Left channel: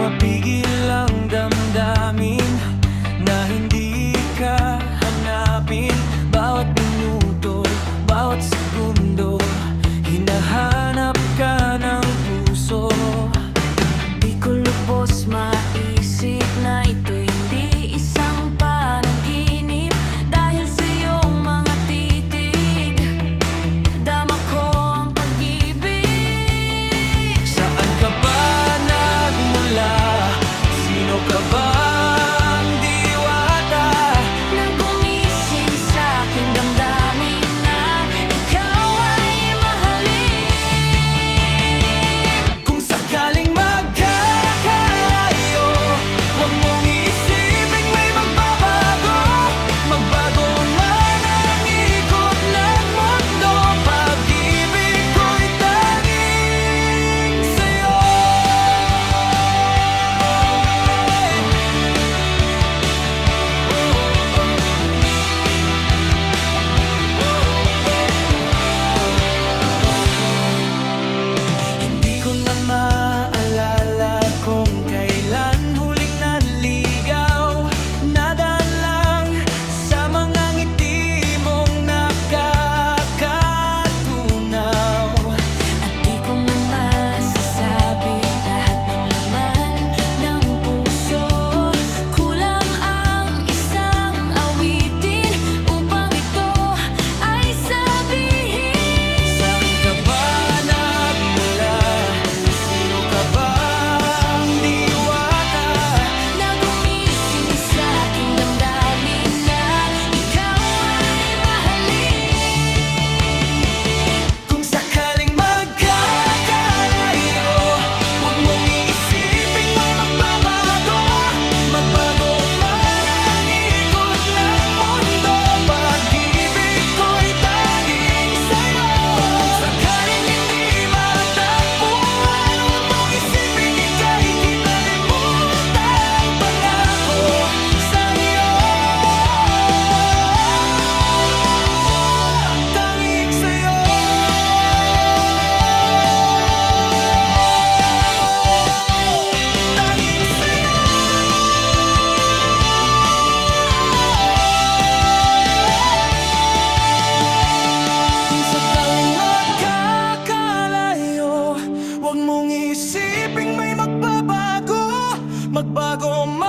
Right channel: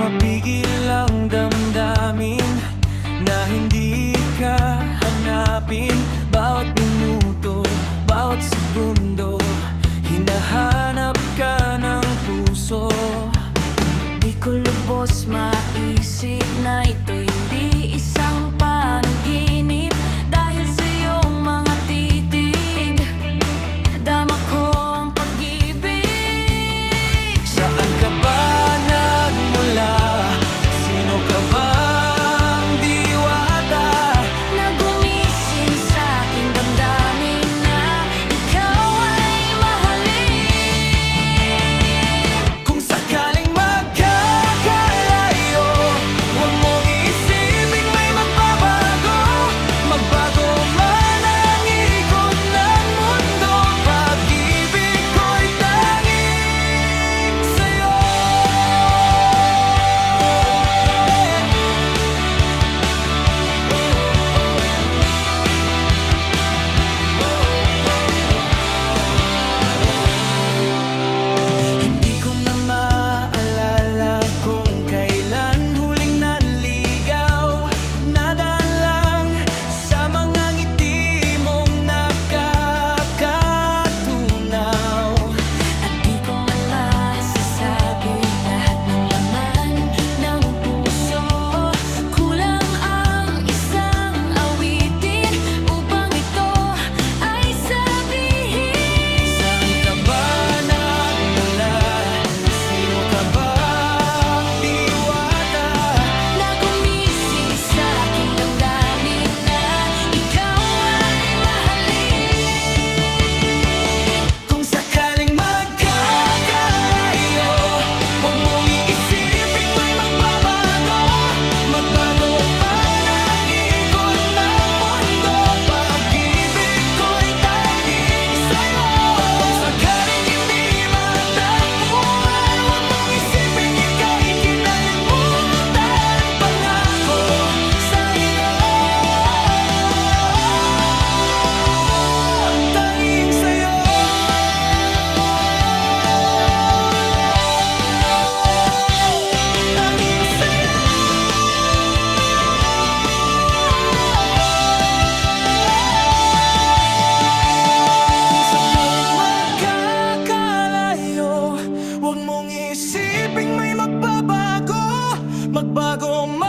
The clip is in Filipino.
Mapigil ang damdamin na hindi ka hanapin. Bawat minuto, bawat segundo, hinahanap ka ng puso. Di ko lubos maisip na ito hindi isang panaginip. Dahil sa iyong mga titig, dama ko ang pag-ibig. Saan ka ba nagmula? Sino ka bang diwata? Nagumising sa aking damdamin na ikaw ay mahalin. Kung sakaling magkakalayo, huwag mong iisiping may magbabago. Magbago man ang ikot ng mundo, pag-ibig ko'y tanging sa'yo. Hindi ko na maalala kung kailan huling nanligaw. Nadaan lang sa mga ngiti mong nakakatunaw. At di ko man masasabi lahat ng laman ng puso. Kulang ang isang awitin upang ito ay sabihin. Saan ka ba nagmula? Sino ka bang diwata? Nagumising sa aking damdamin na ikaw ay mahalin. Kung sakaling magkakalayo, huwag mong iisiping may magbabago. Magbago man ang ikot ng mundo, pag-ibig ko'y tanging sa'yo. Kung sakaling hindi matagpuan, huwag mong isiping ika'y kinalimutan. Pangako sa'yo, tanging sa'yo. Tanging sa'yo. Kung sakaling magkakalayo, huwag mong isiping may magbabago. Magbago man